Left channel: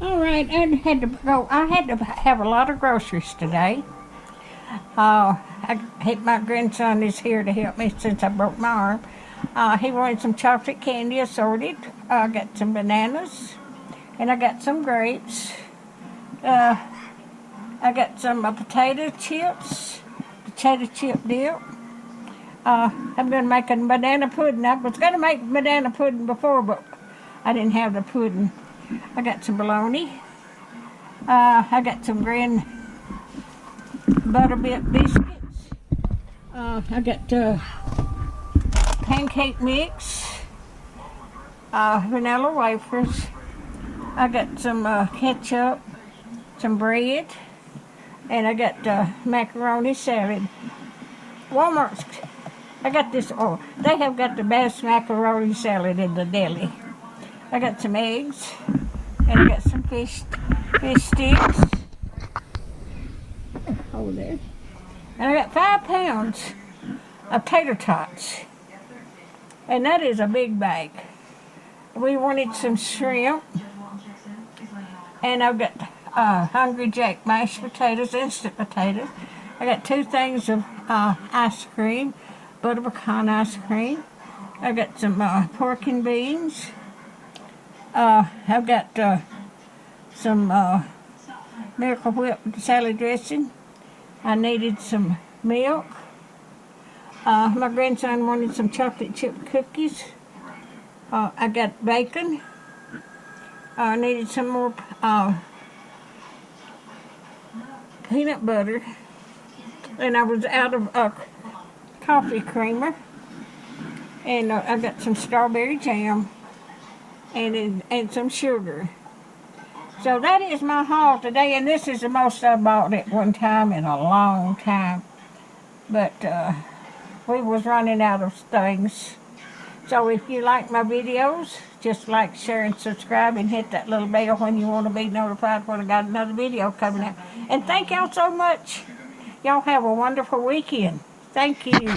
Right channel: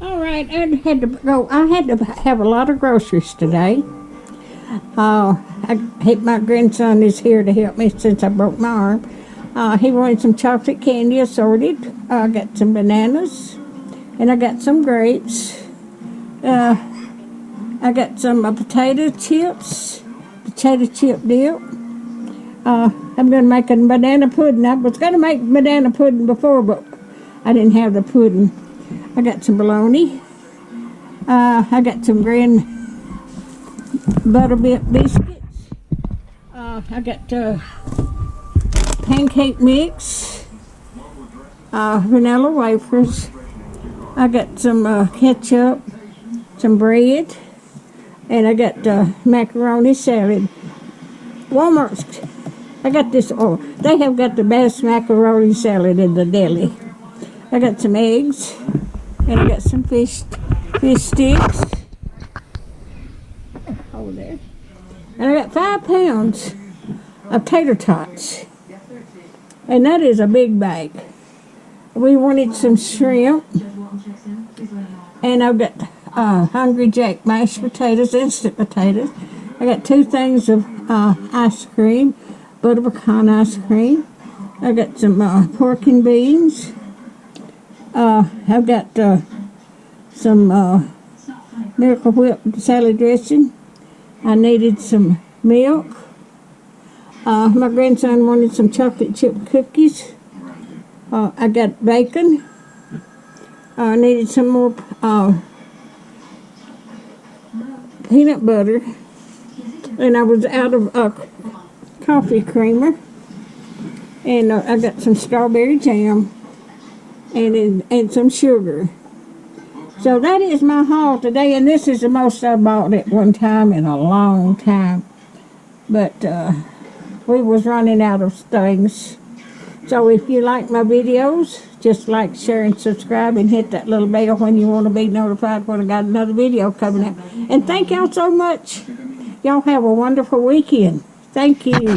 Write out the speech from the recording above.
All right, I had to go. I had to have a lot of groceries today. My grandson is here to help me since I broke my arm. He wanted some chocolate candy assorted. I got some bananas, and I got some grapes. I got some potato chips, potato chip dip. I've been making banana pudding. I was going to make banana pudding before, but I didn't have the pudding. I got some bologna. I got some green butterbit biscuits. I got pancake mix, vanilla wafers. I got some ketchup, some bread, and I got macaroni salad. Walmart's. I got this. Oh, they have got the best macaroni salad in the deli. I got some eggs, and I got some fish sticks over there. And I got 5 pounds of tater tots, and that is a big bag. We wanted some shrimp, and I've got Hungry Jack mashed potatoes, instant potatoes. I got 2 things of ice cream, butter pecan ice cream. I got some pork and beans. I've got some Miracle Whip salad dressing. I needed some milk. My grandson wanted some chocolate chip cookies. I got bacon. I needed some more peanut butter. And I was out of coffee creamer. And I got some strawberry jam and some sugar. So that is my haul today, and this is the most I bought at one time in a long time. But we was running out of things. So if you like my videos, just like, share, and subscribe, and hit that little bell when you want to be notified when I got another video coming out. And thank y'all so much. Y'all have a wonderful weekend. Thank you.